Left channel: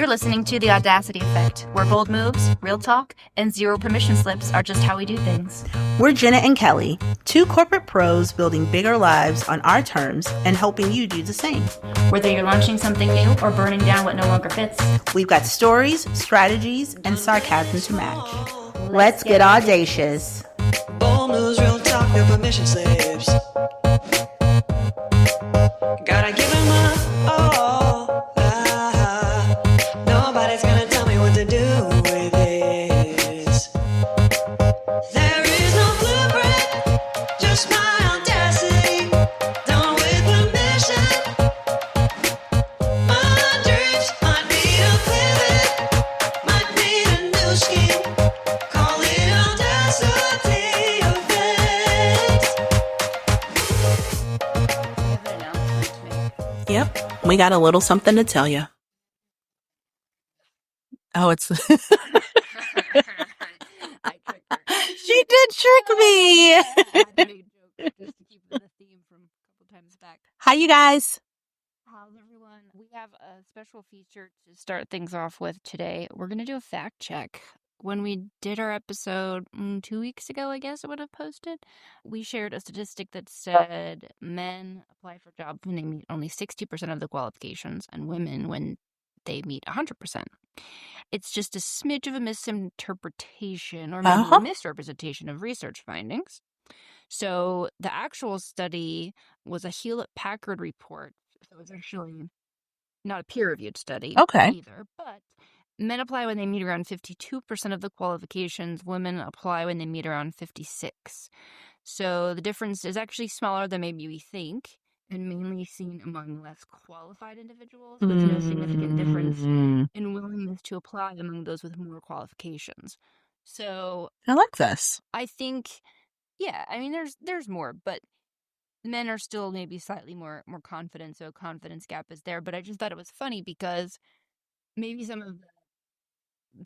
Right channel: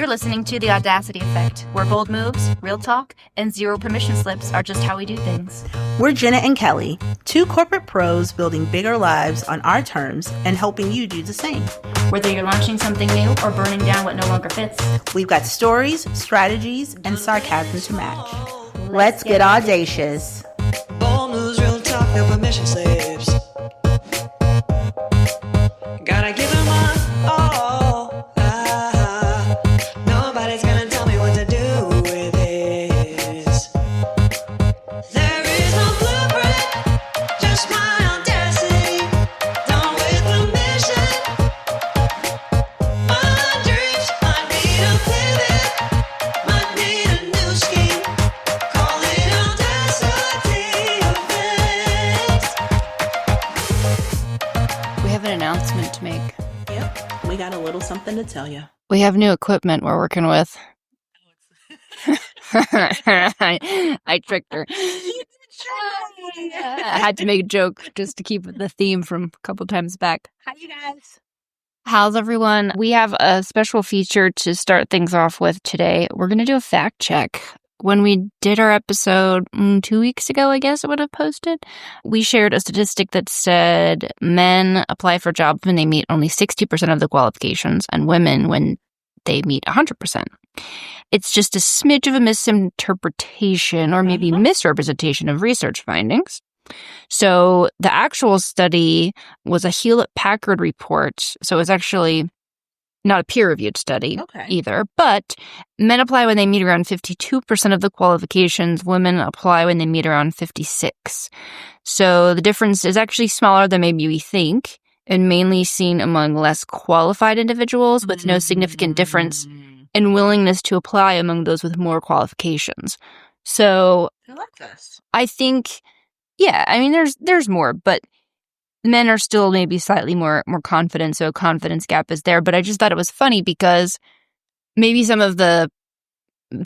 You're listening to The Audacity Effect, where bold moves, real talk, and zero permission slips are just how we do things. We're Jenna and Kelly, two corporate pros building bigger lives on our terms and helping you do the same. Whether you're launching something new or burning down what no longer fits, we've got stories, strategies, and sarcasm to match. Let's get audacious. Bold moves, real talk, no permission slips. Gotta give them all. Nobody's gonna tell me what to do with this. There is no blueprint, just my audacity. Done with permission. My dreams might need a pivot, might need a new scheme. Call it Audacity Effect. We have an announcement to make. Yep, we got a little something to tell you. We have new equipment we're working with. Oh, it's... I tricked her. She did trick me. I had to make a joke just to keep the theme from a couple times back. Hi, you guys. How's everyone? We have a special feature to start things off with today. We're going to do a fact check. When we did our episode 2 weeks ago, I guess it would have posted, we shared a statistic that said men apply for jobs when they meet only 60% of the qualifications and women when they meet 100%. It's just a smidge of a misinterpretation or maybe misrepresentation of research findings. So the actual study was a Hewlett-Packard report. So it's actually not a peer-reviewed study either. But men apply when they meet around 52% of the qualifications. Women apply when they meet around 56%. So the difference is actually smaller than maybe we think, and mainly seen among less qualified individuals with no significant difference in willingness to apply among those with more qualifications. So I like this. I think, yeah, I mean, there's more, but men are still maybe slightly more confident, so a confidence gap is there. But I just thought it was funny because maybe some of the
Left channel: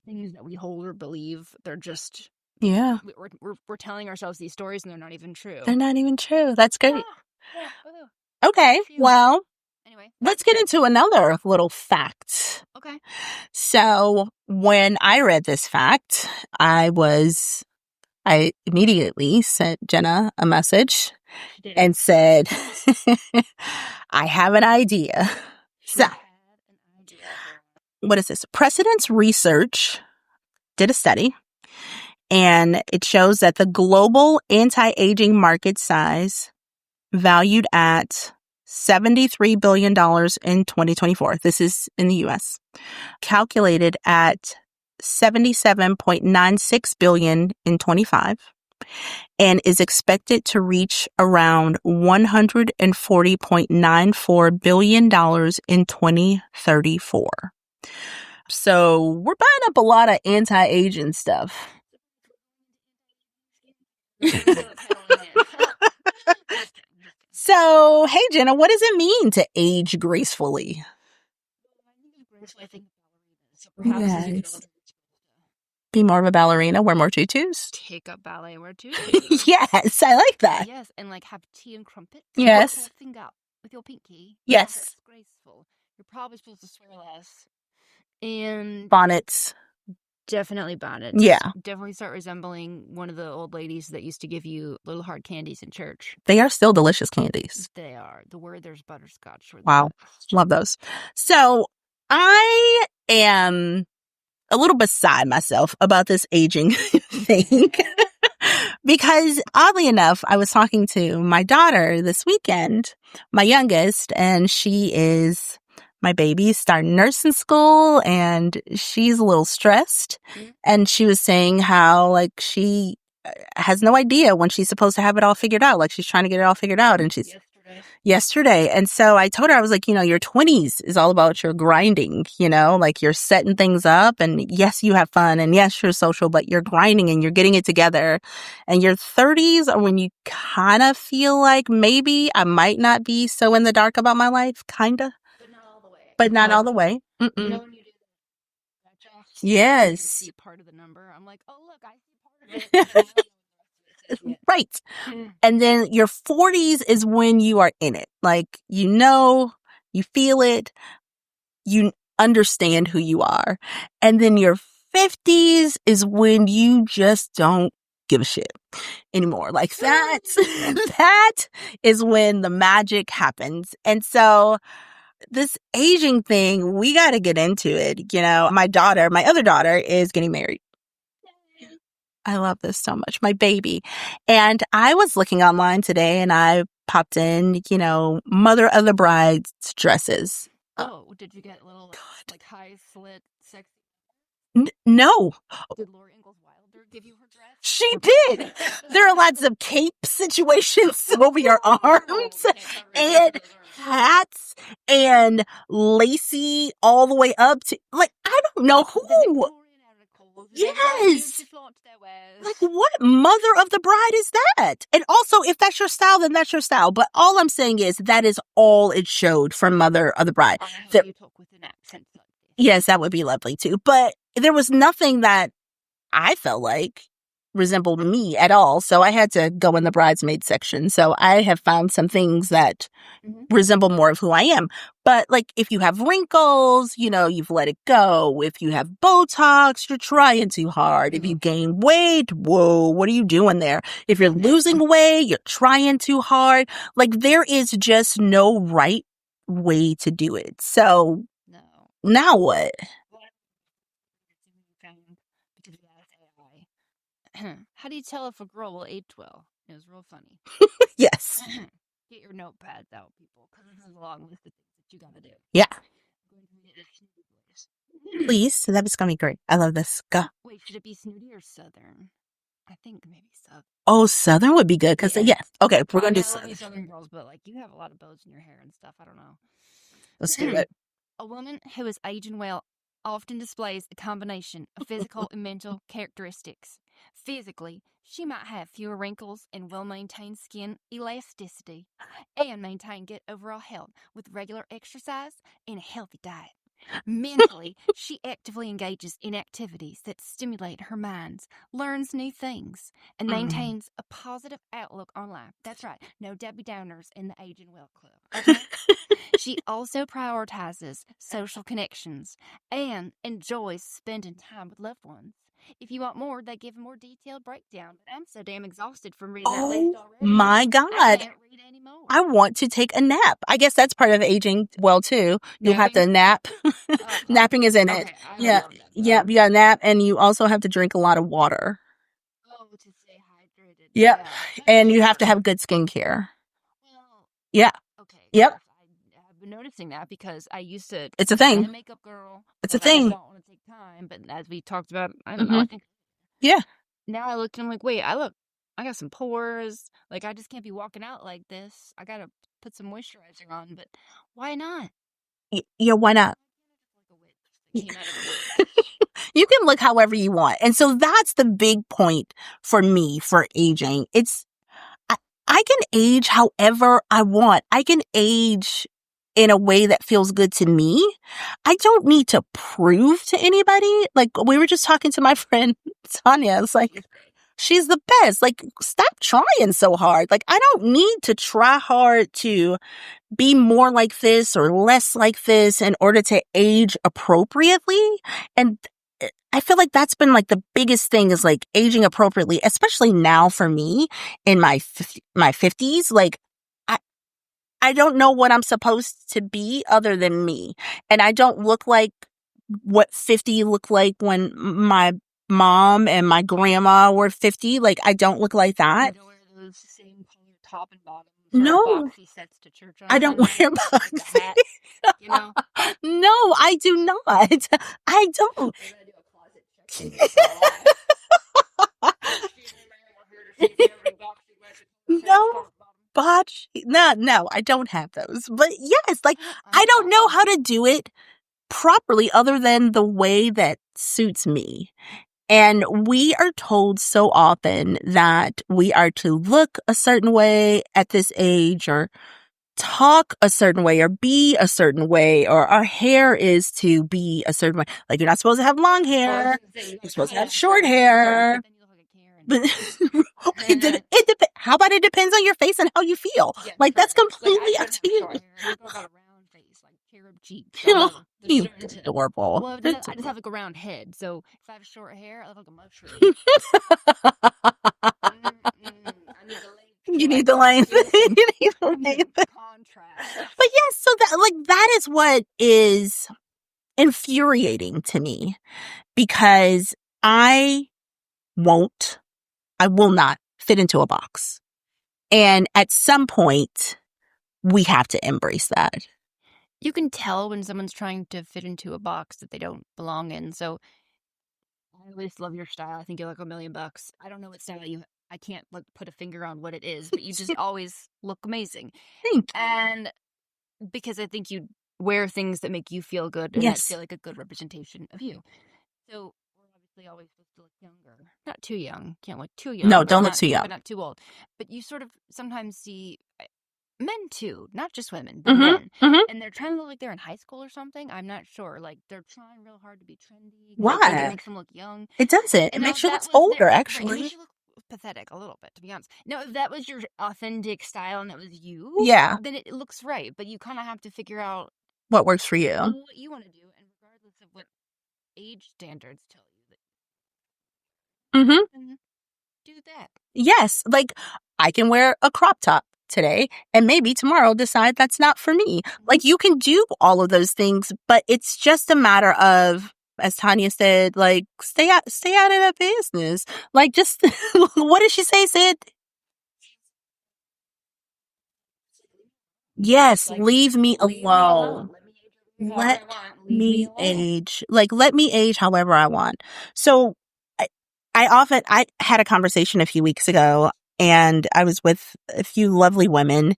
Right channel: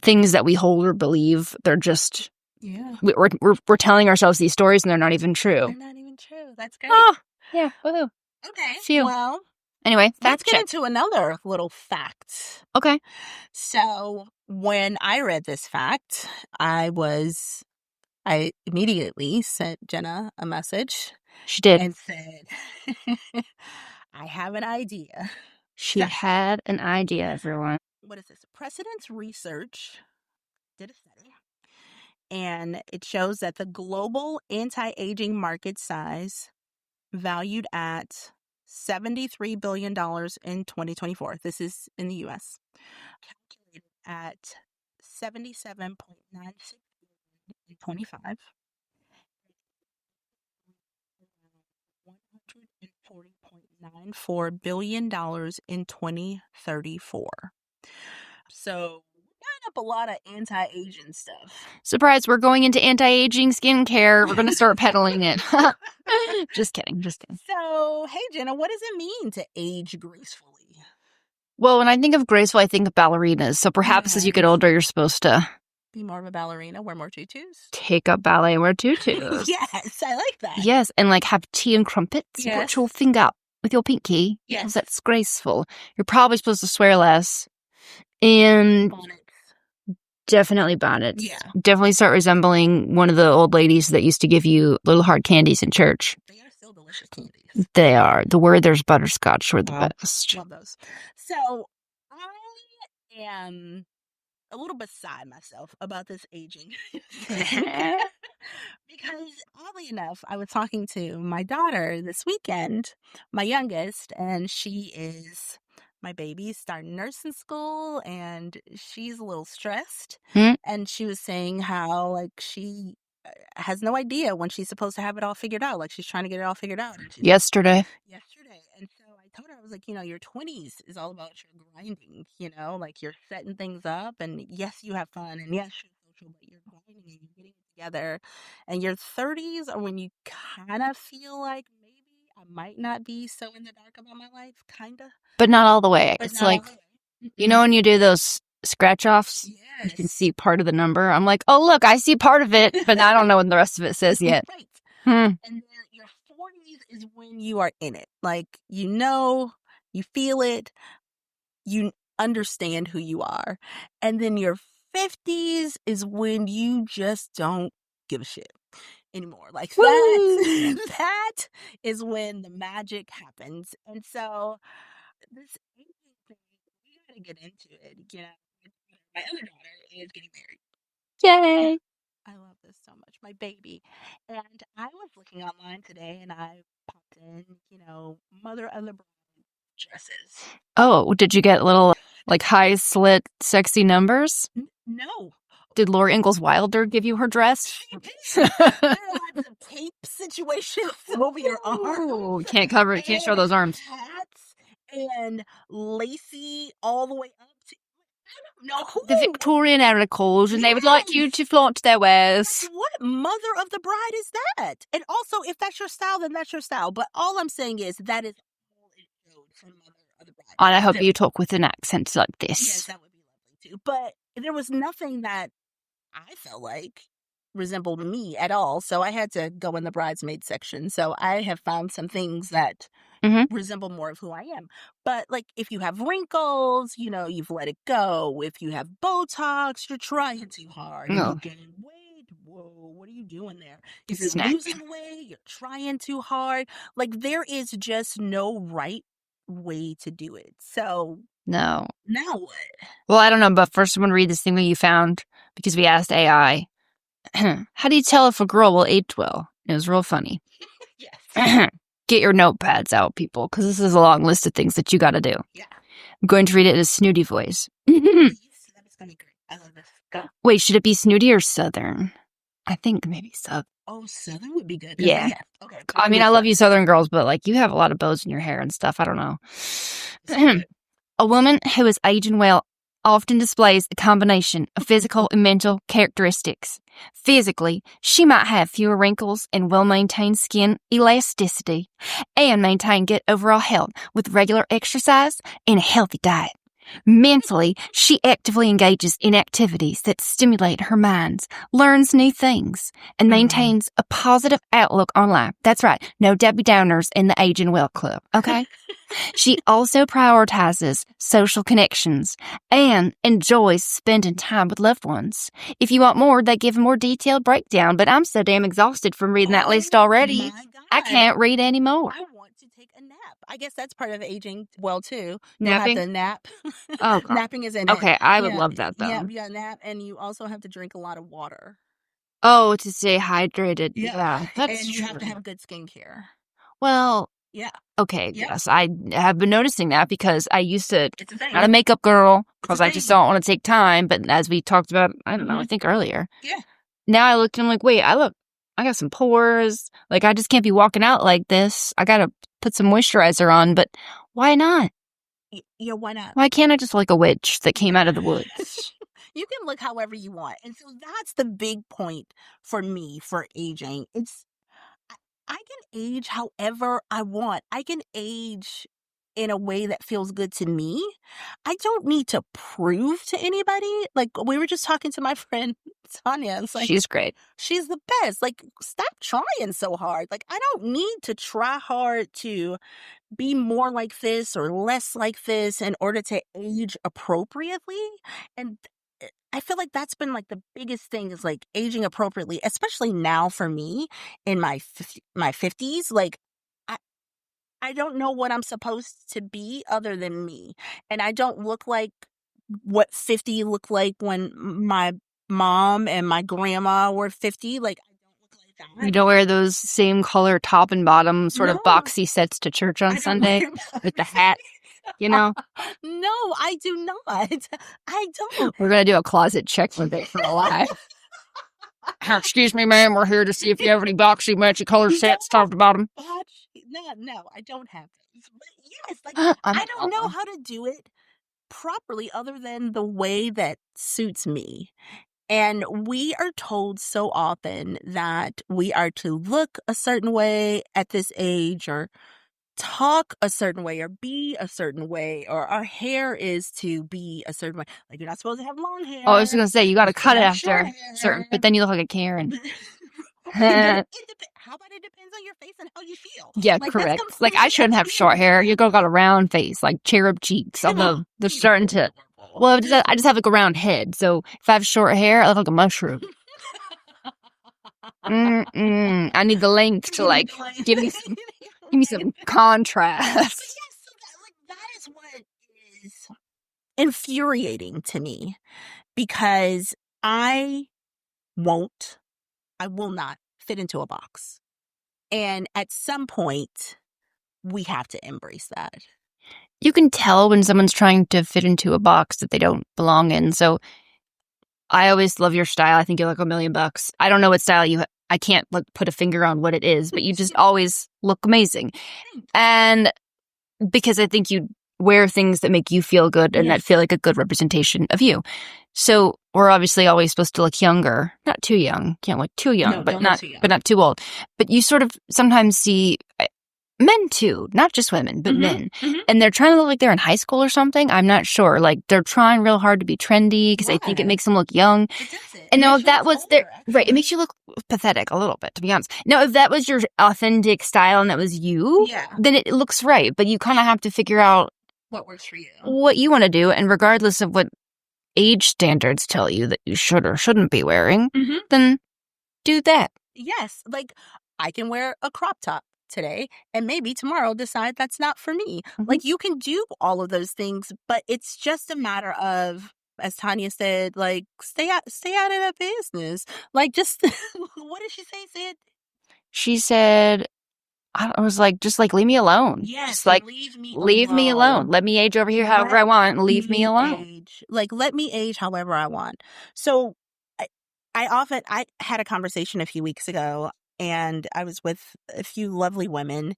things that we hold or believe, they're just we're telling ourselves these stories and they're not even true. They're not even true. That's great. Oh, yeah. Woohoo. Okay. Phew. Well, anyway, let's get into another little fact. Okay. So when I read this fact, I immediately sent Jenna a message. She did. And said, I have an idea. She had an idea, everyone. What is this? Precedence Research did a study, and it shows that the global anti-aging market size valued at $73 billion in 2024. This is in the U.S. Calculated at $77.96 billion in 25. And is expected to reach around $140.94 billion in 2034. So we're buying up a lot of anti-aging stuff. Surprise, we're going into anti-aging skincare. We're going to start peddling it. Just kidding. So, hey, Jenna, what does it mean to age gracefully? Well, when I think of graceful, I think of ballerinas. So perhaps as you get older, you're supposed to be more of a ballerina, wear more tutus. Take up ballet and wear tutus. Yes, I like that. Yes, and like have tea and crumpets. Yes. You put your finger up with your pinky. Yes. That's graceful. You're probably supposed to swear less. And bonnets. Definitely bonnets. Yeah. Definitely start resembling one of the old ladies that used to give you little hard candies in church. They are still delicious candies. They are. The Werther's butterscotch were the best. Love those. So I am a little beside myself about this aging thing. Because oddly enough, I was talking to my daughter this weekend, my youngest, and my baby's starting nursing school and she's a little stressed. And she was saying how like she has no idea when she's supposed to have it all figured out. Like she's trying to get it all figured out. And she's yesterday. And so I told her, I was like, your 20s is all about your grinding, like you're setting things up and yes, you have fun and yes, you're social, but you're grinding and you're getting it together. And your 30s are when you kind of feel like maybe I might not be so in the dark about my life, kind of. But not all the way. But not all the way. You know when you do those scratch offs? Yes. You can see part of the number. I'm like, oh, look, I see part of it, but I don't know what the rest of it says yet. Right. And then your 40s is when you are in it. Like, you feel it. understand who you are. And then your 50s is when you just don't give a shit anymore. Like that is when the magic happens. And so this aging thing, we got to get into it. You know, my other daughter is getting married. Yay. I love this so much. My baby. And I was looking online today and I popped in, mother of the bride's dresses. Oh, did you get little like high slit sexy numbers? No. Did Laura Ingalls Wilder give you her dress? She did. There are lots of cape situations over your arms. Can't show those arms. Hats and lacy all the way up to, like, I don't know who. The Victorian articles, and they would like you to flaunt their wares. Like, what mother of the bride is that? And also, if that's your style, then that's your style. But all I'm saying is that is all it showed from Mother of the Bride. And I hope you talk with an accent like this. Yes, that would be lovely too. But there was nothing that I felt like resembled me at all. So I had to go in the bridesmaid section. So I have found some things that resemble more of who I am. But like if you have wrinkles, you've let it go. If you have Botox, you're trying too hard. If you gain weight, whoa, what are you doing there? If you're losing weight, you're trying too hard. Like there is just no right way to do it. So no. Now what? Well, I don't know, but first I'm going to read this thing that you found because we asked AI. How do you tell if a girl will age well? It was real funny. Yes. Get your notepads out, people, because this is a long list of things that you got to do. Yeah. I'm going to read it in a snooty voice. Please. That's going to be great. I love this. Go. Wait, should it be snooty or southern? I think maybe southern. Oh, southern would be good. Yeah. Okay. I love you southern girls, but like you have a lot of bows in your hair and stuff. I don't know. Let's do it. A woman who is aging well often displays a combination of physical and mental characteristics. Physically, she might have fewer wrinkles and well-maintained skin elasticity and maintain good overall health with regular exercise and a healthy diet. Mentally, she actively engages in activities that stimulate her mind, learns new things, and maintains a positive outlook on life. That's right. No Debbie Downers in the Aging Well Club, okay? She also prioritizes social connections and enjoys spending time with loved ones. If you want more, they give a more detailed breakdown, but I'm so damn exhausted from reading that list already. My God. I can't read anymore. I want to take a nap. I guess that's part of aging well, too. You have to nap. Oh, napping is in it. Okay, I would love that, though. Yeah, you got to nap, and you also have to drink a lot of water. Oh, to stay hydrated. Yeah. And you have to have good skincare. Well, yeah. Okay, yes, I have been noticing that because I used to. It's a thing. Not a makeup girl because I just don't want to take time. But as we talked about, I don't know, I think earlier. Yeah. Now I looked and I'm like, wait, I got some pores. Like I just can't be walking out like this. I got to put some moisturizer on, but why not? Yeah, why not? Why can't I just like a witch that came out of the woods? You can look however you want. And so that's the big point for me for aging. I can age however I want. I can age in a way that feels good to me. I don't need to prove to anybody. Like we were just talking to my friend Tanya. It's like she's great. She's the best. Like stop trying so hard. Like I don't need to try hard to be more like this or less like this in order to age appropriately. And I feel like that's been like the biggest thing is like aging appropriately, especially now for me in my 50s. Like I don't know what I'm supposed to be other than me. And I don't look like what 50 looked like when my mom and my grandma were 50. Like I don't look like that. You don't wear those same color top and bottom sort of boxy sets to church on Sunday with the hat, No, I do not. I don't. We're going to do a closet check one day for a while. Excuse me, ma'am. We're here to see if you have any boxy matchy color sets top to bottom. No, I don't have those. But yes, like I don't know how to do it properly other than the way that suits me. And we are told so often that we are to look a certain way at this age or talk a certain way or be a certain way, or our hair is to be a certain way. Like, you're not supposed to have long hair. Oh, I was going to say, you got to You're cut supposed it to have after short hair. but then you look like a Karen. But how about it depends on your face and how you feel? Yeah, like correct. that's completely Like, I shouldn't up have to you. short hair. You got a round face, like cherub cheeks. Although they're You're starting to. adorable. Well, I just have like a round head. So if I have short hair, I look like a mushroom. I need the length to You like need the length. give me some, You need the give me some length. contrast. But yes, so that is what is infuriating to me, because I will not fit into a box. And at some point, we have to embrace that. You can tell when someone's trying to fit into a box that they don't belong in. So I always love your style. I think you're like $1,000,000. I don't know what style you I can't like put a finger on what it is, but you just always look amazing. Thank you. And because I think you wear things that make you feel good and that Yes. feel like a good representation of you. So we're obviously always supposed to look younger. Not too young. Can't look too young. No, but don't look not, too young. But not too old. But you sort of sometimes see men too, not just women, but Mhm, men. mhm. And they're trying to look like they're in high school or something. I'm not sure. Like they're trying real hard to be trendy because I think it Why? makes them look young. It doesn't. And It now makes if you that look was older, their, actually. right, it makes you look pathetic a little bit, to be honest. Now, if that was your authentic style and that was you, Yeah. then it looks right. But you kind of have to figure out What works for you? what you want to do, and regardless of what age standards tell you that you should or shouldn't be wearing, Mm-hmm. then do that. Yes. Like, I can wear a crop top today and maybe tomorrow decide that's not for me. Mhm. Like, you can do all of those things, but it's just a matter of, as Tanya said, like, stay out of that business. Like, just what did she say? She said, I was like, just like, leave me alone. Yes, Just like, leave me leave me alone. Let me age over here however Let I want. And leave me alone. Age. Like, let me age however I want. So I had a conversation a few weeks ago, and I was with a few lovely women,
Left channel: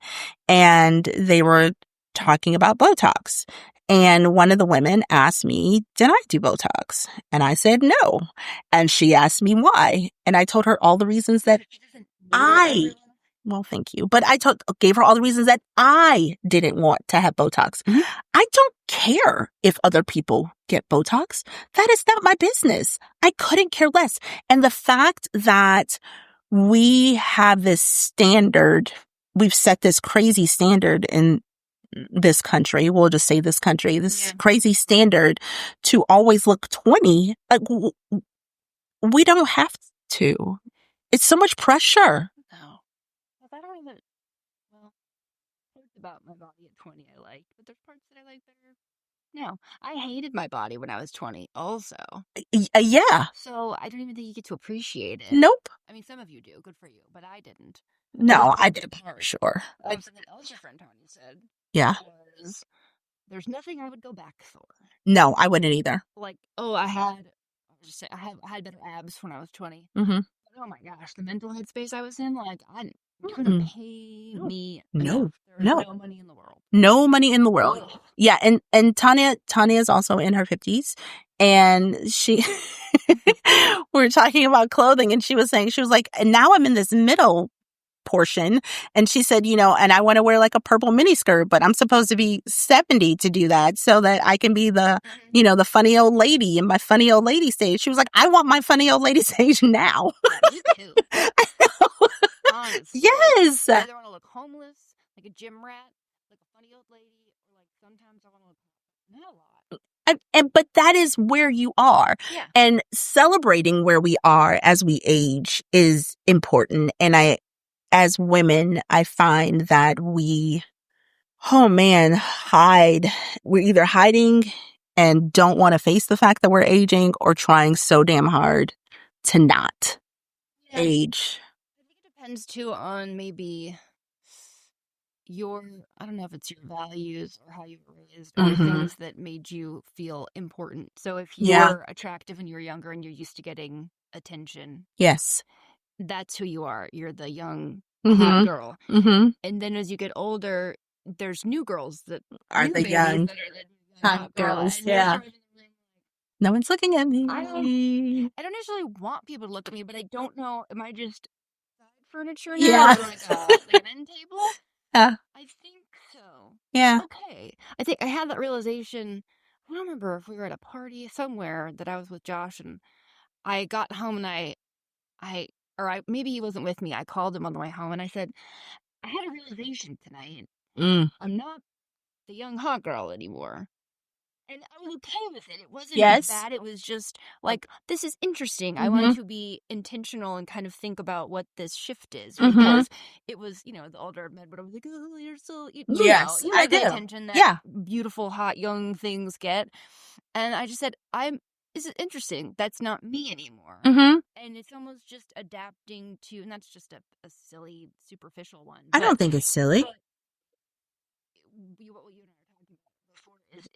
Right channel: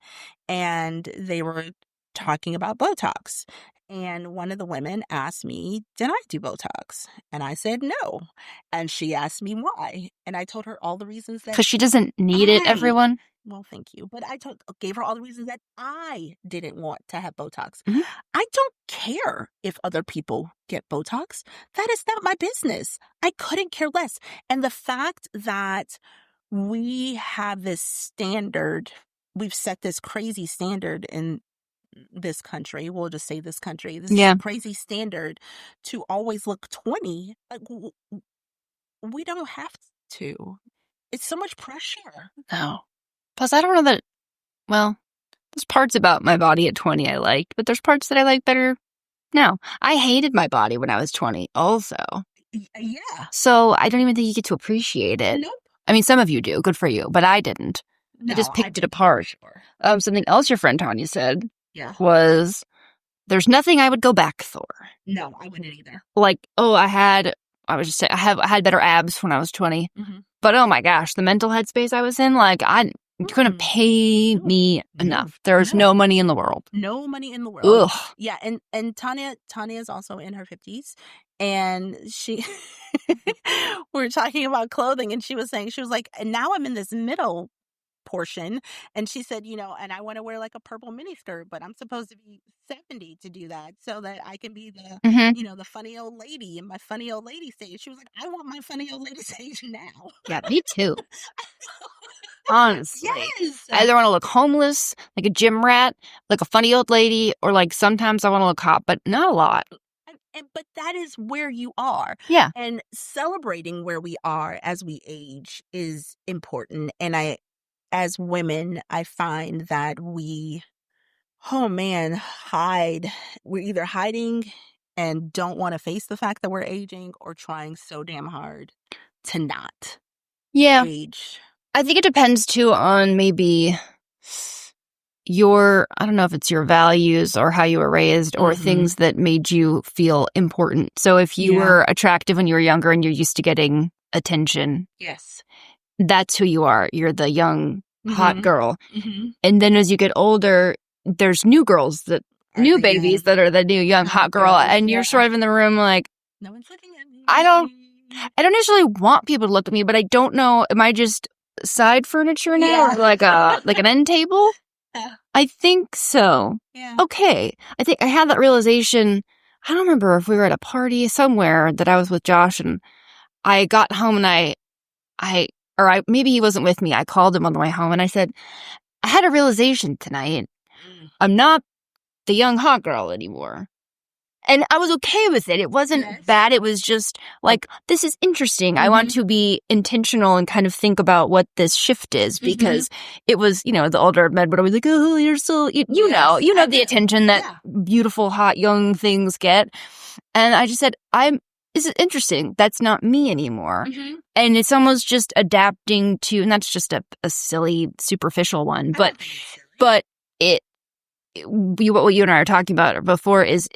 and they were talking about Botox. And one of the women asked me, did I do Botox? And I said no. And she asked me why. And I told her all the reasons that, Because she doesn't need it, everyone. well, thank you. But I gave her all the reasons that I didn't want to have Botox. Mhm. I don't care if other people get Botox. That is not my business. I couldn't care less. And the fact that we have this standard, we've set this crazy standard in this country, we'll just say this country, this Yeah. crazy standard to always look 20, like, we don't have to. It's so much pressure. No. Plus, I don't know that, well, there's parts about my body at 20 I liked, but there's parts that I like better now. I hated my body when I was 20 also. Yeah. So I don't even think you get to appreciate it. Nope. I mean, some of you do. Good for you. But I didn't. No, I just I picked it apart. Sure. Something else your friend Tanya said Yeah. was, there's nothing I would go back for. No, I wouldn't either. Like, oh, I had better abs when I was 20. Mm-hmm. But oh my gosh, the mental headspace I was in, like, you couldn't pay me enough. There's no money in the world. No money in the world. Ugh. Yeah, and Tanya is also in her 50s, and we were talking about clothing, and she was like, and now I'm in this middle portion, and she said, and I want to wear like a purple miniskirt, but I'm supposed to be 70 to do that, so that I can be the Mhm. the funny old lady in my funny old lady stage. She was like, I want my funny old lady stage now. Yeah, me too. Honestly. Yes. I either want to look homeless, like a gym rat, like a funny old lady, or like sometimes I want to look hot, but not a lot. But that is where you are. Yeah. And celebrating where we are as we age is important. And as women, I find that we hide. We're either hiding and don't want to face the fact that we're aging, or trying so damn hard to not age. I think it depends too on maybe I don't know if it's your values or how you were raised or things that made you feel important. So if you were attractive when you were younger and you're used to getting attention, Yes. that's who you are. You're the young, hot girl. Mm-hmm. And then as you get older, there's new girls new babies that are the new young hot girl. girls, And you're sort of in the room like, no one's looking at me. I don't necessarily want people to look at me, but I don't know. Am I just side furniture now? Yeah. Or like an end table? Yeah. I think so. Yeah. Okay. I think I had that realization. I don't remember if we were at a party somewhere that I was with Josh, and I got home and maybe he wasn't with me. I called him on the way home and I said, I had a realization tonight. I'm not the young hot girl anymore. And I was okay with it. It wasn't bad. It was just like, this is interesting. I want to be intentional and kind of think about what this shift is, because it was, the older men would always like, oh, you're so, you know the attention that beautiful, hot, young things get. And I just said, this is interesting. That's not me anymore. And it's almost just adapting to, and that's just a silly, superficial one. But I don't think it's silly. But what you and I were talking about before is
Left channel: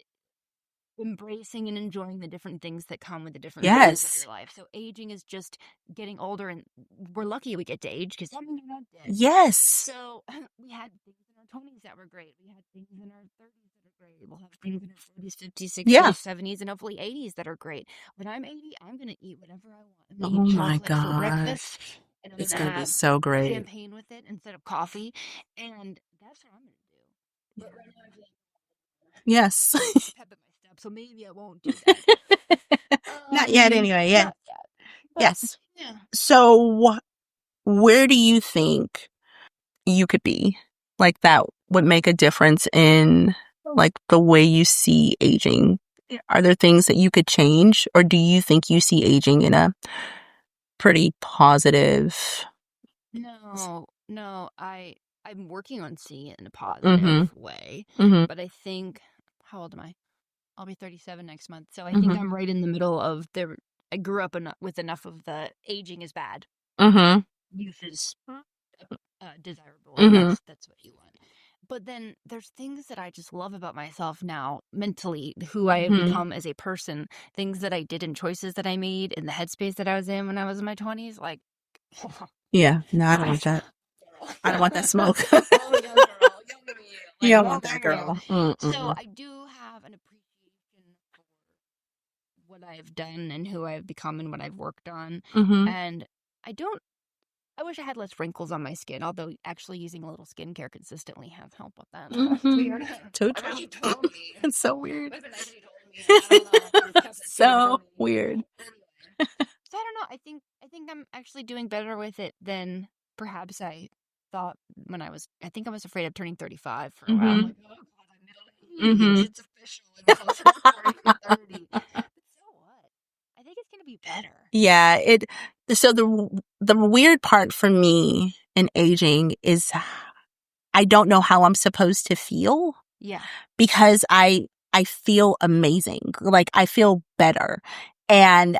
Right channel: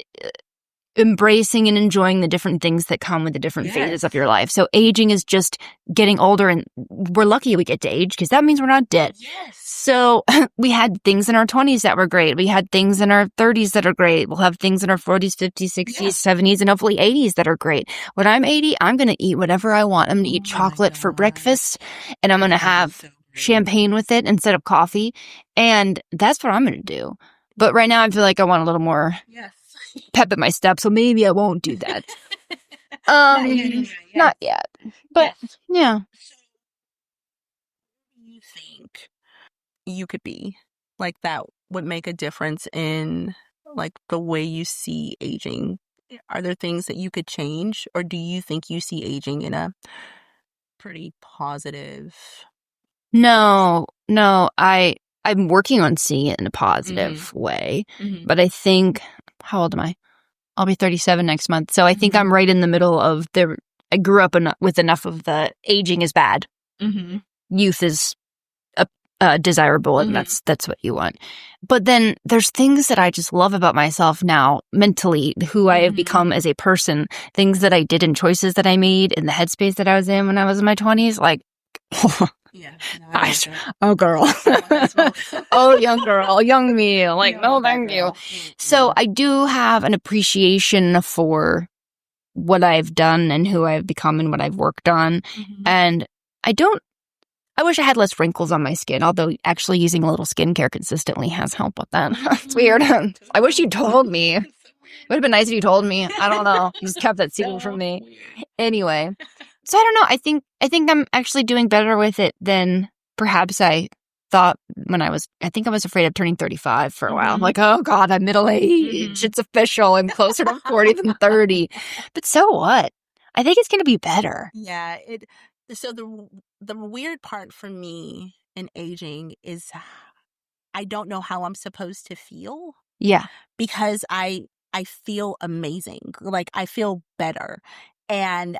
embracing and enjoying the different things that come with the different phases of your life. So aging is just getting older, and we're lucky we get to age because that means we're not dead. Yes. So we had things in our 20s that were great. We had things in our 30s that are great. We'll have things in our 40s, 50s, 60s, 70s, and hopefully 80s that are great. When I'm 80, I'm going to eat whatever I want. I'm going to eat chocolate for breakfast, and I'm going to have champagne with it instead of coffee. And that's what I'm going to do. But right now I feel like I want a little more pep in my step, so maybe I won't do that. Not yet anyway. Yeah. Not yet. But, yeah. So where do you think you could be? Like that would make a difference in like the way you see aging. Are there things that you could change, or do you think you see aging in a pretty positive? No, I'm working on seeing it in a positive way, but I think, how old am I? I'll be 37 next month. So I think I'm right in the middle of I grew up with enough of the aging is bad. Youth is desirable, and that's what you want. But then there's things that I just love about myself now, mentally, who I have become as a person, things that I did and choices that I made in the headspace that I was in when I was in my 20s, like... Yeah, no, I like that. Oh, girl. I want that smoke. Oh, young girl, young me. Like, you no, thank you. So I do have an appreciation for what I've done and who I've become and what I've worked on. And I wish I had less wrinkles on my skin, although actually using a little skincare consistently has helped with that. It's weird. I wish you told me. It's so weird. It would have been nice if you told me. I don't know. You just kept that secret from me. Weird. Anyway. So I don't know. I think I'm actually doing better with it than perhaps I thought when I was afraid of turning 35 for a while. I'm like, oh God, I'm middle-aged. It's official. I'm closer to 40 than 30. But so what? I think it's going to be better. Yeah. So the weird part for me in aging is I don't know how I'm supposed to feel. Yeah. Because I feel amazing. Like I feel better. And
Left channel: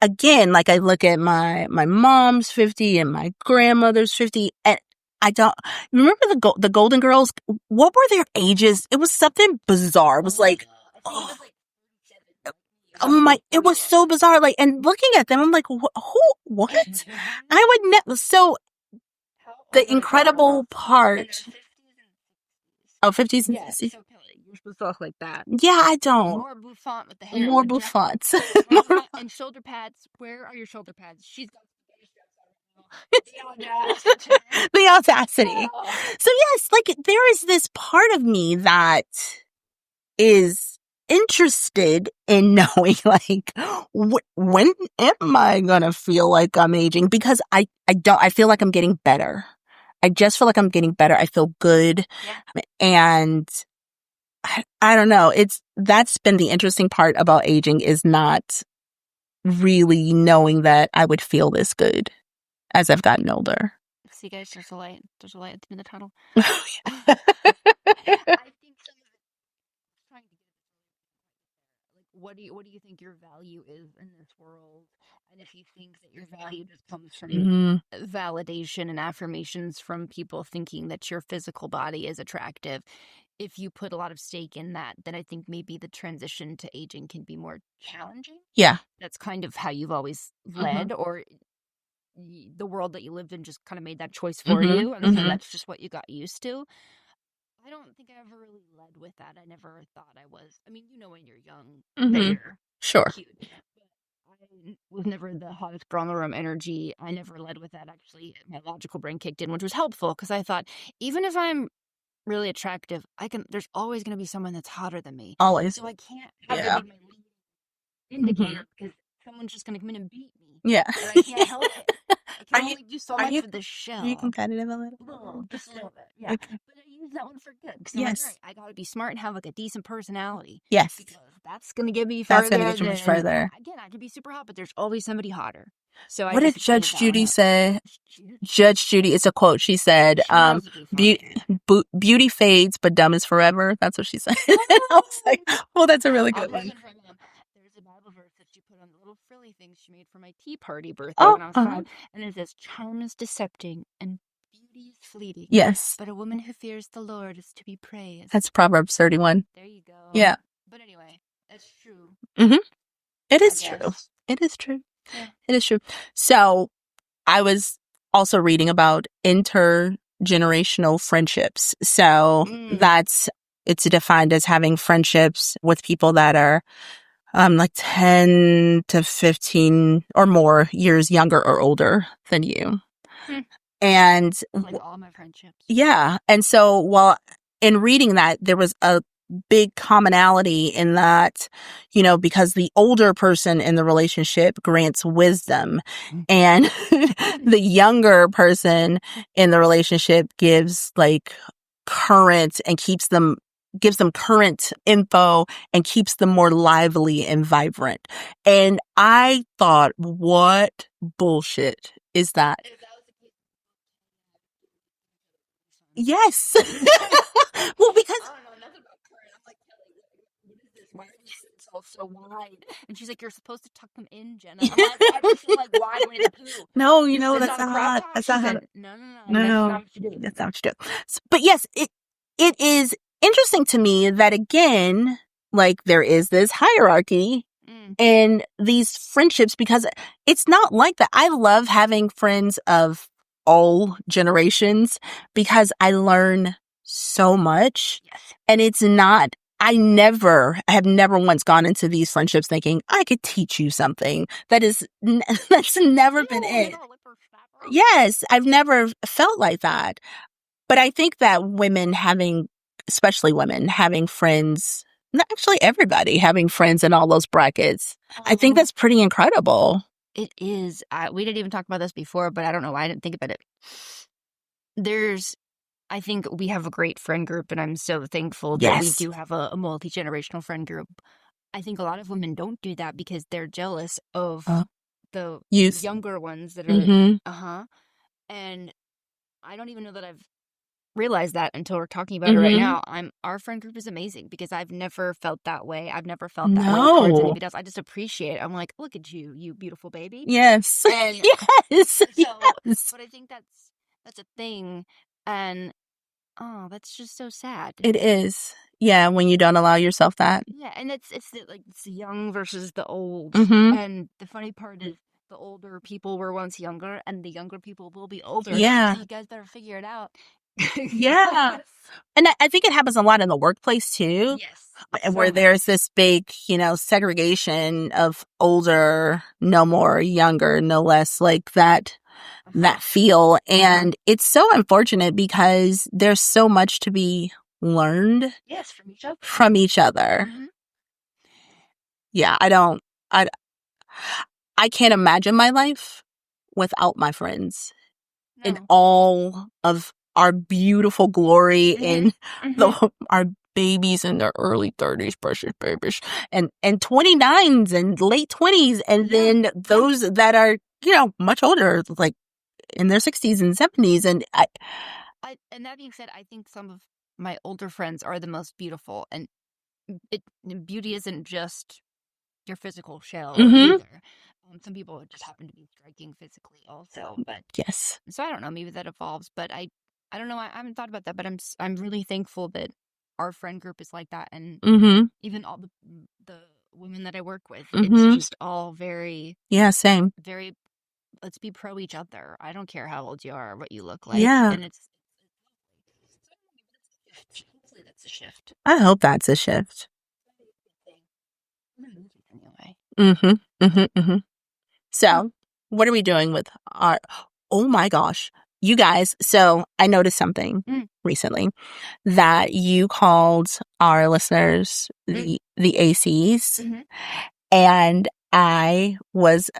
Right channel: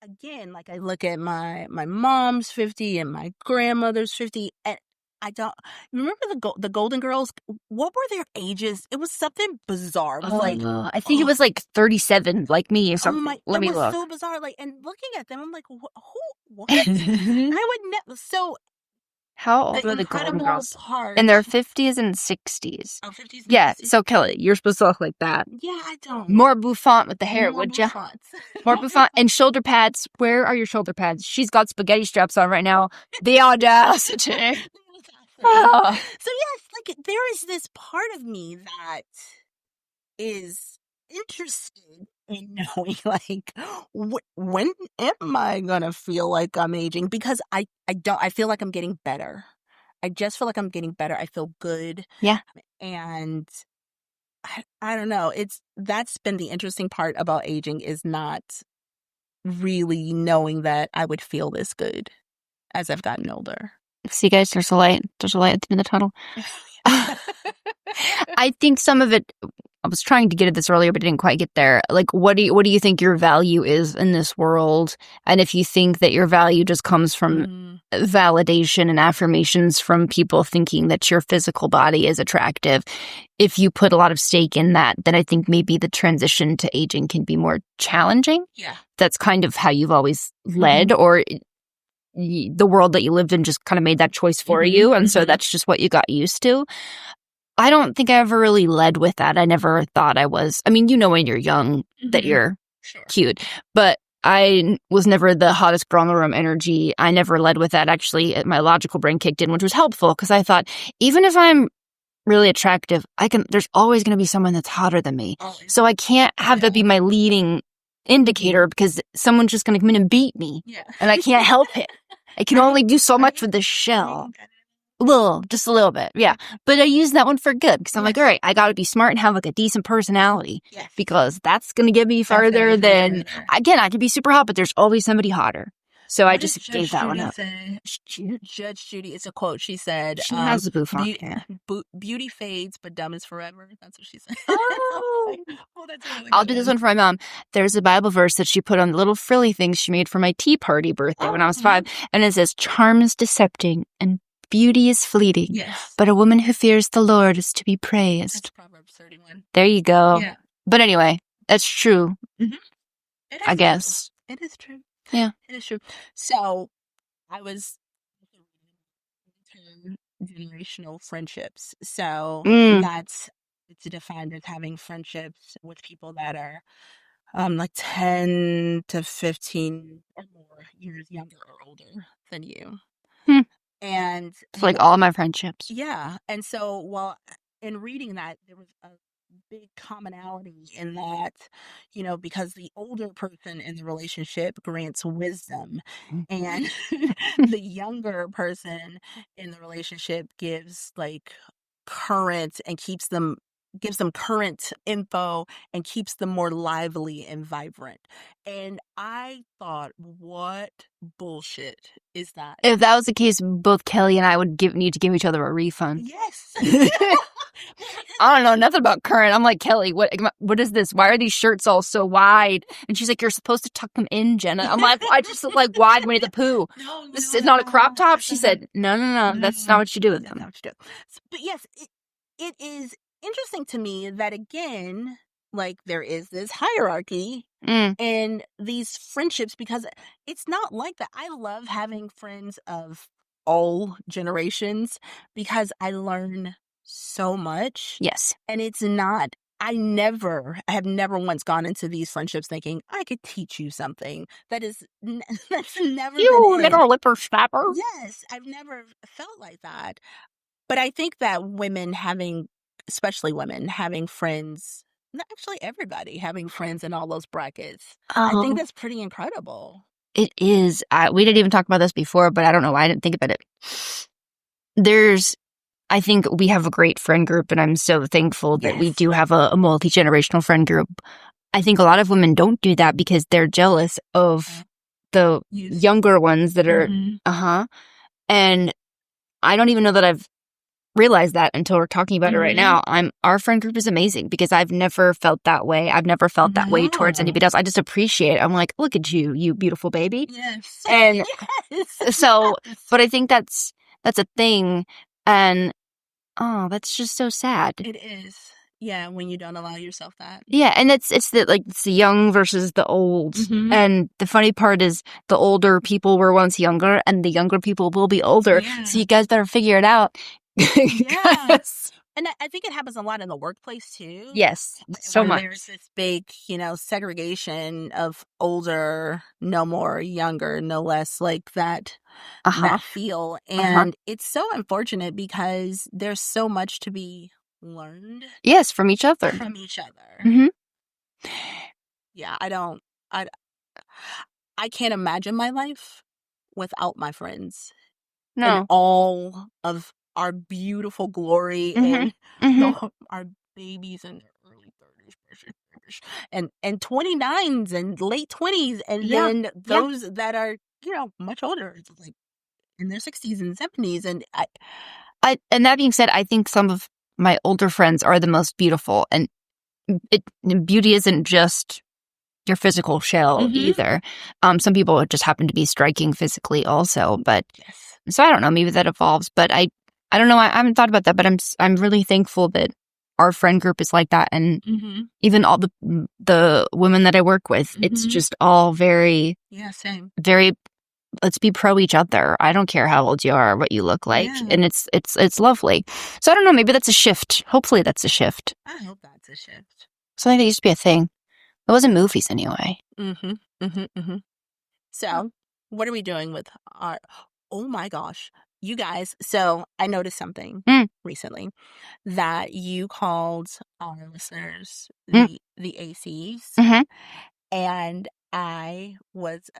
again, like I look at my mom's 50 and my grandmother's 50, and I don't remember the Golden Girls. What were their ages? It was something bizarre. It was I think it was like 37, like me. Or something. It was so bizarre. Like, and looking at them, I'm like, who? What? I would never. So how old the are the incredible Golden Girls? part In their 50s and 60s. Oh, 50s. And yeah. 60s. So Kelly, you're supposed to look like that. Yeah, I don't. More bouffant with the hair. More would ya? bouffant. More bouffant and shoulder pads. Where are your shoulder pads? She's got spaghetti straps on right now. The audacity. The audacity. Oh. So yes, like there is this part of me that is interested in knowing, like, when am I gonna feel like I'm aging? Because I feel like I'm getting better. I just feel like I'm getting better. I feel good. Yeah. And I don't know. That's been the interesting part about aging, is not really knowing that I would feel this good as I've gotten older. See, guys, there's a light. There's a light at the end of the tunnel. I think some of it, I was trying to get at this earlier, but didn't quite get there. Like, what do you think your value is in this world? And if you think that your value just comes from validation and affirmations from people thinking that your physical body is attractive, if you put a lot of stake in that, then I think maybe the transition to aging can be more challenging. Yeah. That's kind of how you've always led, or the world that you lived in just kind of made that choice for you. And so that's just what you got used to. I don't think I ever really led with that. I never thought I was. I mean, when you're young that you're sure cute. But I was never the hottest girl in the room energy. I never led with that. Actually, my logical brain kicked in, which was helpful because I thought, even if I'm really attractive, there's always going to be someone that's hotter than me. Always. So I can't have that be my leading indicator because someone's just going to come in and beat me. Yeah. And I can't help it. I can only do so much for the Are you show. competitive a little? Just a little bit. Yeah. But I use that one for good because I'm like, Yes. all right, I got to be smart and have like a decent personality Yes. because that's going to get me That's gonna farther get you much than, further. again, I could be super hot, but there's always somebody hotter. So I What just did Judge gave that one Judy up. say? Judge Judy, it's a quote. She said, She has a bouffant. beauty fades, but dumb is forever. That's what she said. I was like, well, that's a really good I'll do this one for my mom. There's a Bible verse that she put on the little frilly things she made for my tea party birthday when I was 5. And it says, charm is decepting and beauty is fleeting. Yes. But a woman who fears the Lord is to be praised. That's Proverbs 31. There you go. Yeah. But anyway, that's true. It is I guess. true. It is true. Yeah. It is true. So I was also reading about intergenerational friendships. So it's defined as having friendships with people that are like 10 to 15 or more years younger or older than you. And It's like all my friendships. yeah. And so, well, in reading that, there was a big commonality in that, because the older person in the relationship grants wisdom and the younger person in the relationship gives like current and gives them current info and keeps them more lively and vibrant. And I thought, what bullshit is that? If that was the case, both Kelly and I would need to give each other a refund. Yes. Well, because I don't know nothing about current. I'm like, Kelly, what is this? Why are these shirts all so wide? And she's like, you're supposed to tuck them in, Jenna. I'm like, I just look like wide Winnie the Pooh. no, It's that's not a crop top. that's She not said, no, that's not what you do with That's them. not what you do. But yes, it is interesting to me that again, like there is this hierarchy in these friendships because it's not like that. I love having friends of all generations because I learn so much. Yes. And it's not, I have never once gone into these friendships thinking I could teach you something. That's never been it. little lipper snapper. Yes, I've never felt like that. But I think that especially women having friends, actually everybody having friends in all those brackets, I think that's pretty incredible. It is. We didn't even talk about this before, but I don't know why I didn't think about it. I think we have a great friend group, and I'm so thankful that we do have a multi-generational friend group. I think a lot of women don't do that because they're jealous of the younger ones that are, and I don't even know that I've realized that until we're talking about it right now. Our friend group is amazing because I've never felt that way. I've never felt that way towards anybody else. I just appreciate it. I'm like, look at you, you beautiful baby. Yes. And yes. so, but I think that's a thing. And that's just so sad. It is. Yeah, when you don't allow yourself that. Yeah, and it's the young versus the old. And the funny part is the older people were once younger and the younger people will be older. Yeah. So you guys better figure it out. Yes. And I think it happens a lot in the workplace too. Yes. Where there's this big, segregation of older, no more, younger, no less, like that feel. And it's so unfortunate because there's so much to be learned. Yes, from each other. Yeah, I can't imagine my life without my friends. No. And all of our beautiful glory and our babies in their early 30s, precious babies, and 29s and late 20s, and then those that are, much older, like in their 60s and 70s. And and that being said, I think some of my older friends are the most beautiful, and beauty isn't just your physical shell either. Some people just happen to be striking physically also, but yes. So I don't know, maybe that evolves, but I don't know. I haven't thought about that, but I'm really thankful that our friend group is like that, and even all the women that I work with, it's just all very same. Very, let's be pro each other. I don't care how old you are, or what you look like, and it's lovely. So I don't know. Maybe that's a shift. Hopefully, that's a shift. I hope that's a shift. Something that used to be a thing. It wasn't movies anyway. So, what are we doing with our... Oh my gosh. You guys, so I noticed something recently that you called our listeners the ACs. And I was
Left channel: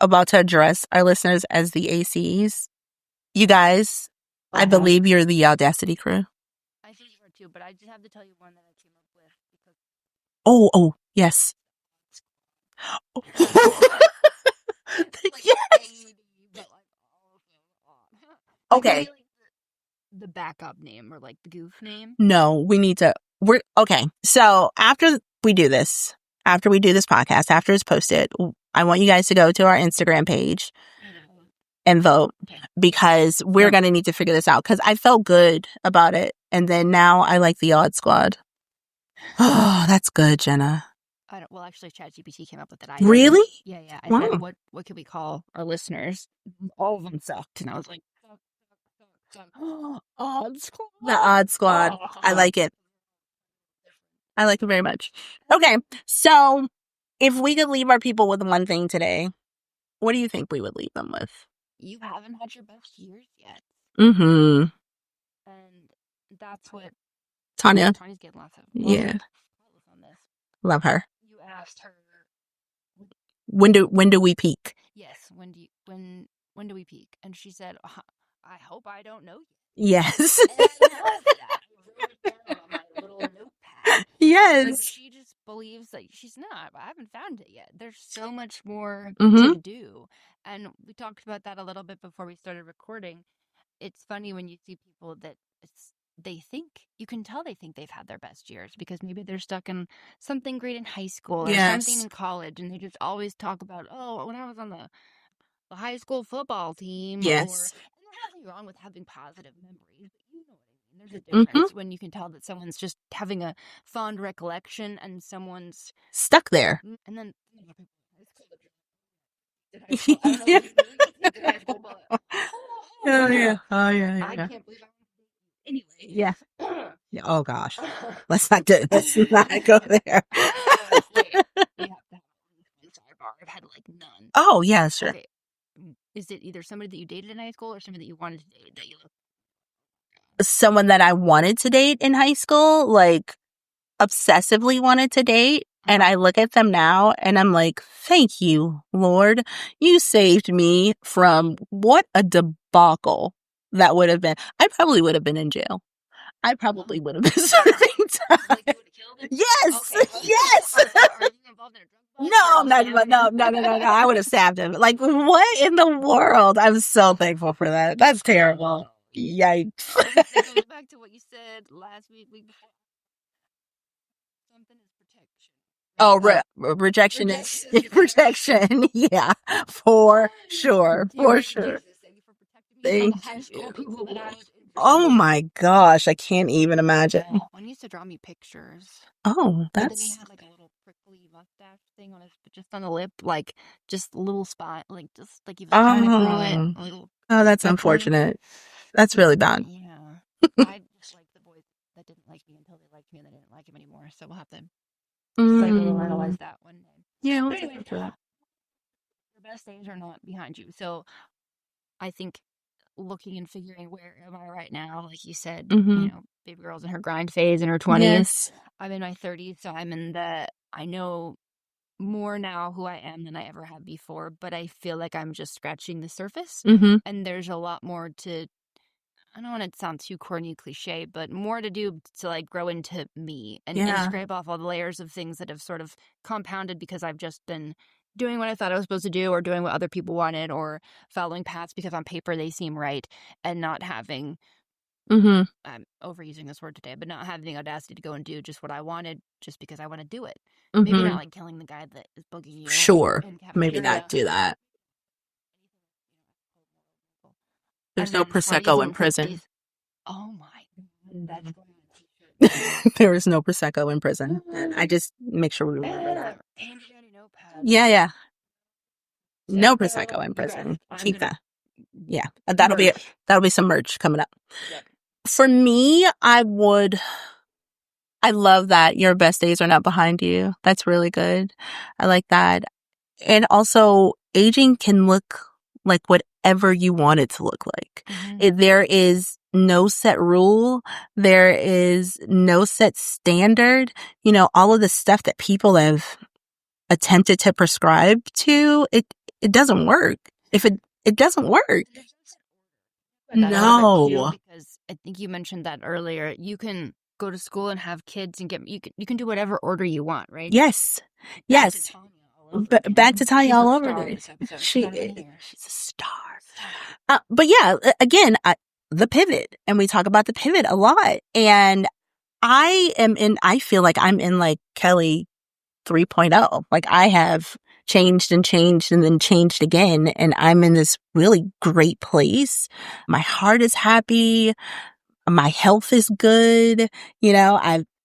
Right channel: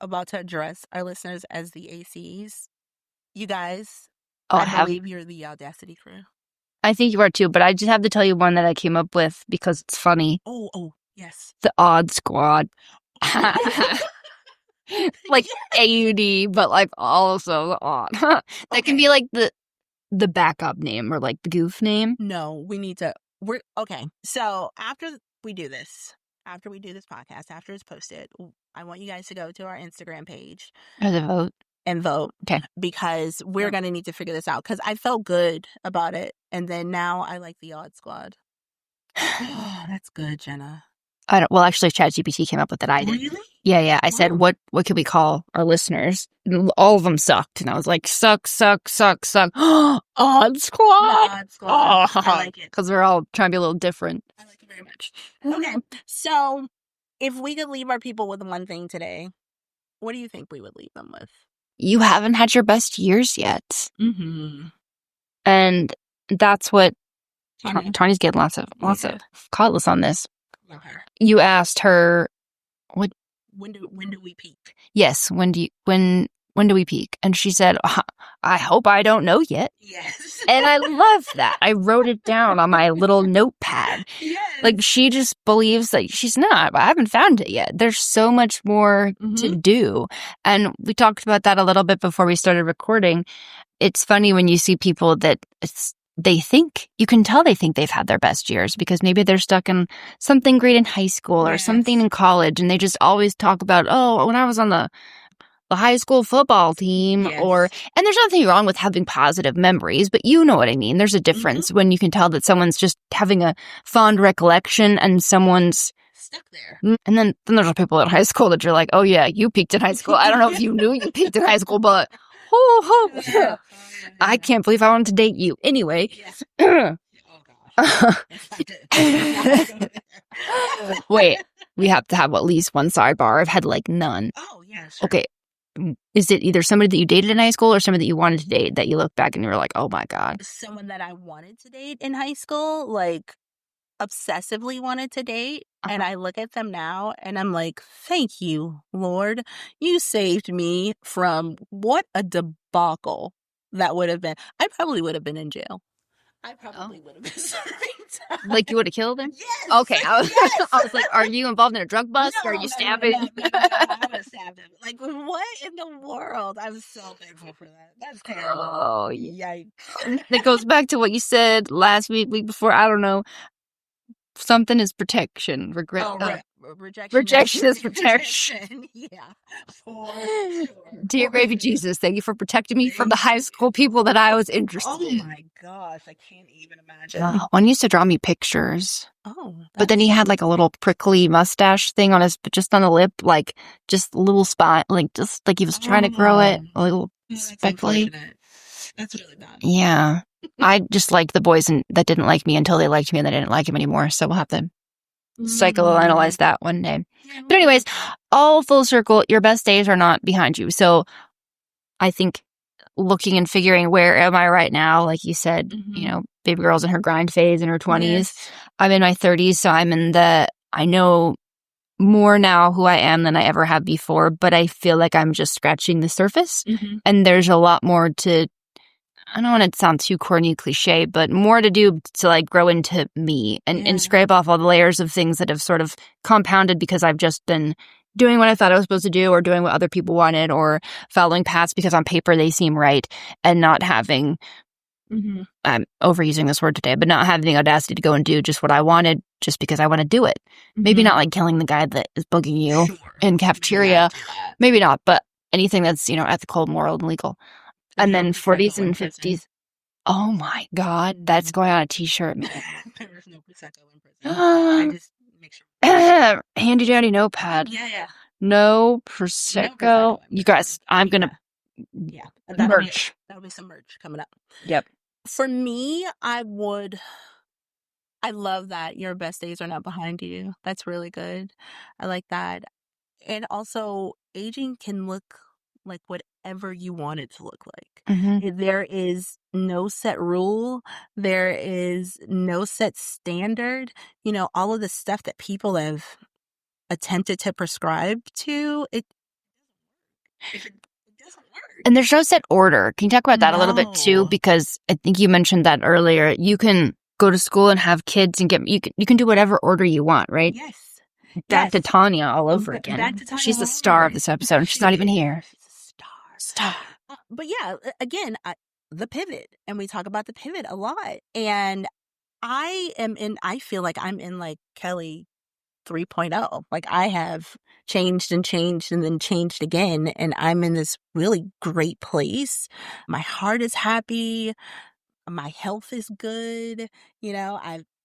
about to address our listeners as the ACs. You guys, I believe you're the Audacity crew. I think you are too, but I just have to tell you one that I came up with because it's funny. Oh, yes. The Odd Squad. Like AUD, but like also the odd. That can be like the backup name or like the goof name. No, we need to. We're okay. So after we do this podcast, after it's posted, I want you guys to go to our Instagram page and vote. Okay, because we're gonna need to figure this out. Because I felt good about it, and then now I like the Odd Squad. Oh, that's good, Jenna. I don't. Well, actually, ChatGPT came up with that. I didn't. Really? Yeah. I said, what can we call our listeners? All of them sucked, and I was like, suck. Odd Squad. The Odd Squad. I like it because we're all trying to be a little different. I like it very much. Okay, so if we could leave our people with one thing today, what do you think we would leave them with? You haven't had your best years yet. And that's what Tanya's getting lots of cautless on this. Love her. You asked her, "What? When do we peak?" Yes. When do we peak? And she said, "I hope I don't know yet." Yes. And I love that. I wrote it down on my little notepad. Yes. Like she just believes that she's not. I haven't found it yet. There's so much more to do. And we talked about that a little bit before we started recording. It's funny when you see people that you can tell they think they've had their best years because maybe they're stuck in something great in high school or something in college, and they just always talk about, when I was on the high school football team, and there's nothing wrong with having positive memories, but you know what I mean. There's a difference when you can tell that someone's just having a fond recollection and someone's stuck there. And then there's people in high school that you're like, oh yeah, you peaked in high school. I don't know if you knew you peaked in high school, but I can't believe I wanted to date you. Anyway. Yeah. Oh gosh. Let's not go there. Wait, we have to have at least one sidebar. I've had like none. Oh yeah, sure. Okay. Is it either somebody that you dated in high school or somebody that you wanted to date that you look back and you were like, oh my God? Someone that I wanted to date in high school, like obsessively wanted to date. And I look at them now and I'm like, thank you, Lord. You saved me from what a debacle that would have been. I probably would have been in jail. I probably would have been serving time. Like you would have killed him? Yes. Okay. I was like, are you involved in a drug bust? No, or are you stabbing? No. I would have stabbed him. Like, what in the world? I'm so thankful for that. That's terrible. Oh, yikes. It goes back to what you said last week before. I don't know. Something is protection. Rejection is protection. Yeah, for sure. Dear baby Jesus, thank you for protecting me from the high school people that I was interested in. Oh my gosh, I can't even imagine. One used to draw me pictures. Oh, but then he had like a little prickly mustache thing on just on the lip, like just a little spot, like just like he was trying to grow it. A little. Oh, that's unfortunate. That's really bad. Yeah. I just liked the boys that didn't like me until they liked me and they didn't like him anymore. So we'll have to psychoanalyze that one day. Yeah. But anyways, all full circle, your best days are not behind you. So I think looking and figuring where am I right now, like you said, baby girl's in her grind phase in her 20s. Yes. I'm in my 30s, so I know more now who I am than I ever have before, but I feel like I'm just scratching the surface. And there's a lot more to, I don't want to sound too corny cliche, but more to do to like grow into me and scrape off all the layers of things that have sort of compounded because I've just been doing what I thought I was supposed to do or doing what other people wanted or following paths because on paper they seem right and not having, I'm overusing this word today, but not having the audacity to go and do just what I wanted just because I want to do it. Maybe not like killing the guy that is bugging you in cafeteria. Maybe not do that. Maybe not, but anything that's, ethical, moral, and legal. There's and no then Prosecco 40s in and prison. 50s. Oh my God, that's going on a t-shirt. There is no Prosecco in prison. I just make sure we remember. Handy dandy notepad. Yeah. No Prosecco. No Prosecco in prison. You guys, I'm going to. Yeah. That'll be some merch coming up. Yep. For me, I would I love that your best days are not behind you. That's really good. I like that. And also, aging can look like whatever you want it to look like. There is no set rule. There is no set standard. You know, all of the stuff that people have attempted to prescribe to, it doesn't work. If it doesn't work. And there's no set order. Can you talk about that a little bit too? Because I think you mentioned that earlier. You can go to school and have kids and you can do whatever order you want, right? Yes. Back to Tanya all over again. Back to Tanya She's all the over star again. of this episode. She's not even here. She's a star. But yeah, again, the pivot. And we talk about the pivot a lot. And I feel like I'm in like Kelly 3.0. Like I have changed and then changed again. And I'm in this really great place. My heart is happy. My health is good. You know,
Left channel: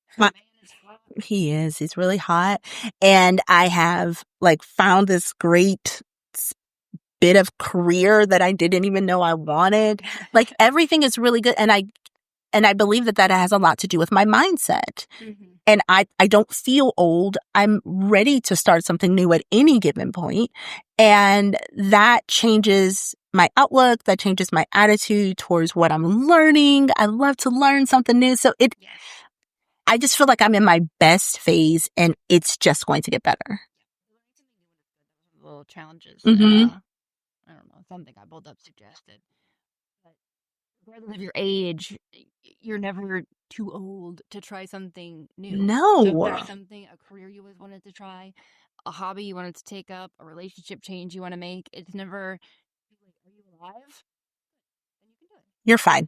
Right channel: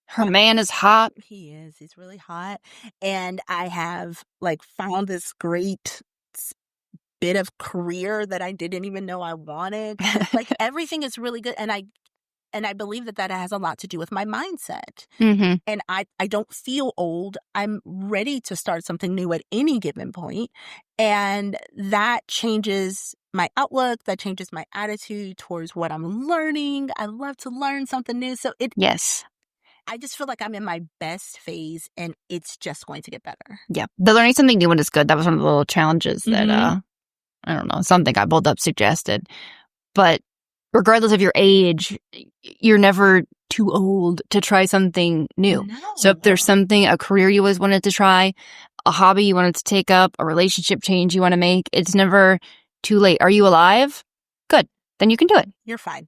Her man is hot. He is. He's really hot. And I have like found this great bit of career that I didn't even know I wanted. Like everything is really good. And I believe that has a lot to do with my mindset. And I don't feel old. I'm ready to start something new at any given point. And that changes my outlook. That changes my attitude towards what I'm learning. I love to learn something new. So Yes. I just feel like I'm in my best phase and it's just going to get better. Yeah. The learning something new one is good. That was one of the little challenges that, I don't know, something I pulled up suggested. But regardless of your age, you're never too old to try something new. No. So if there's something, a career you always wanted to try, a hobby you wanted to take up, a relationship change you want to make, it's never too late. Are you alive? Good. Then you can do it. You're fine.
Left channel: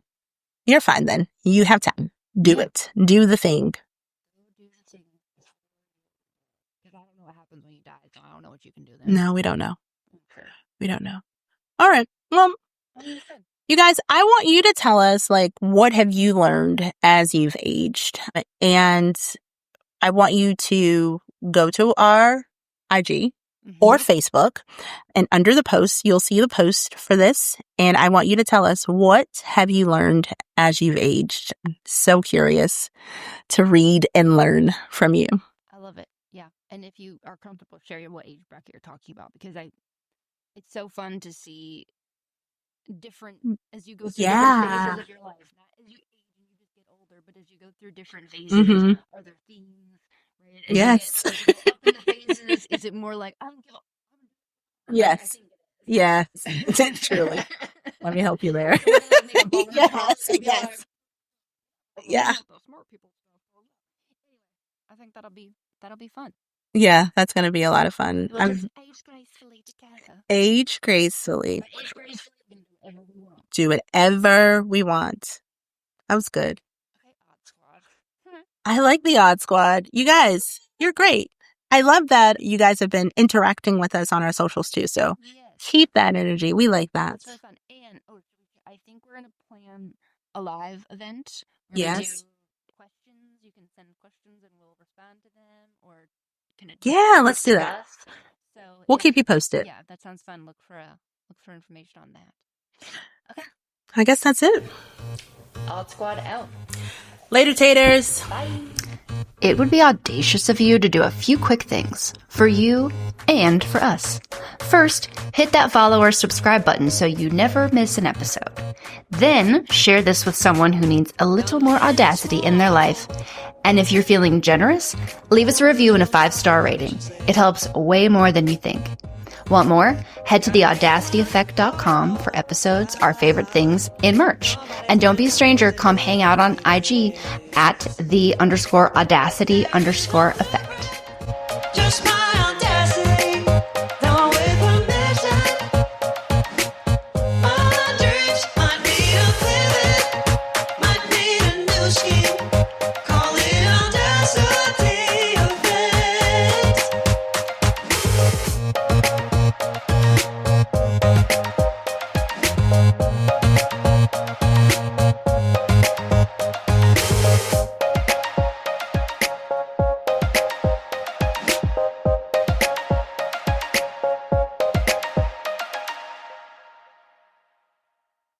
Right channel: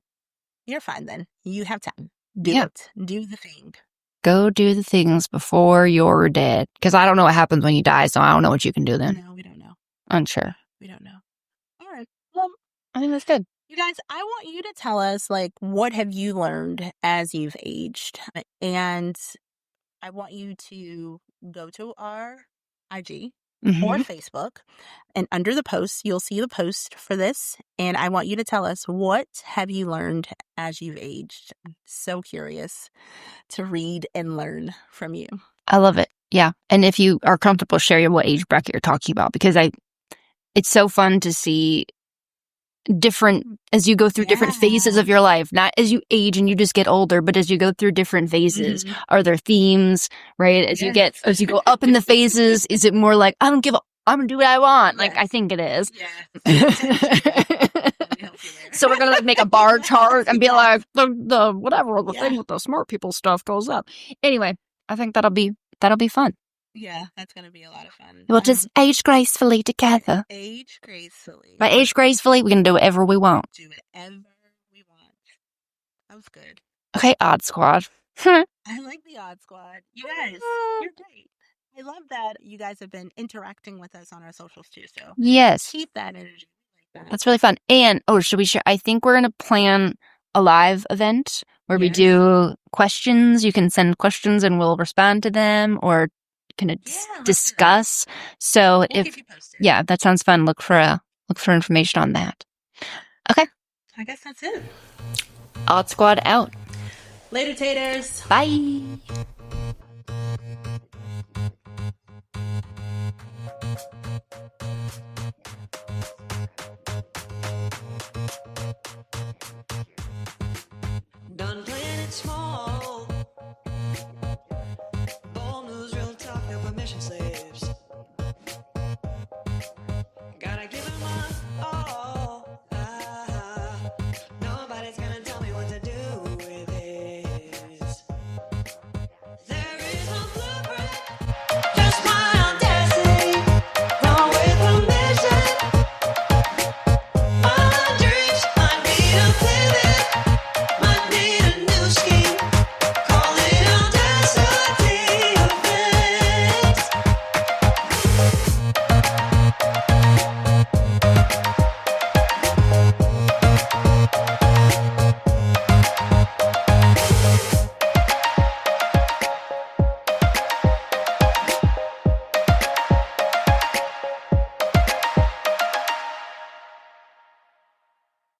You're fine then. You have time. Do it. Do the thing. Go do the things before you're dead. Because I don't know what happens when you die, so I don't know what you can do then. No, we don't know. Unsure. We don't know. All right. Well, I think that's good. you guys, I want you to tell us, like, what have you learned as you've aged? And I want you to go to our IG or Facebook, and under the post, you'll see the post for this. And I want you to tell us, what have you learned as you've aged? I'm so curious to read and learn from you. I love it. Yeah. And if you are comfortable sharing what age bracket you're talking about, because it's so fun to see different, as you go through different phases of your life, not as you age and you just get older, but as you go through different phases, are there themes, right? As you go up in the phases, is it more like, I don't give up, I'm gonna do what I want? Like, I think it is. Yeah. Truly. Let me help you there. So we're gonna like make a bar chart and be like, the whatever, the thing with the smart people stuff goes up. Anyway, I think that'll be fun. Yeah, that's going to be a lot of fun. We'll just age gracefully together. Age gracefully. By age gracefully, we can do whatever we want. Do whatever we want. That was good. Okay, Odd Squad. I like the Odd Squad. You guys, you're great. I love that you guys have been interacting with us on our socials too. So yes, keep that energy. We like that. That's really fun. And, should we share? I think we're going to plan a live event where we do questions. You can send questions and we'll respond to them, or can let's discuss. So we'll keep you posted. Yeah, that sounds fun. Look for information on that. Okay. I guess that's it. Odd Squad out. Later, taters. Bye. It would be audacious of you to do a few quick things for you and for us. First, hit that follow or subscribe button so you never miss an episode. Then, share this with someone who needs a little more audacity in their life. And if you're feeling generous, leave us a review and a 5-star rating. It helps way more than you think. Want more? Head to theaudacityeffect.com for episodes, our favorite things, and merch. And don't be a stranger, come hang out on IG at @the_audacity_effect.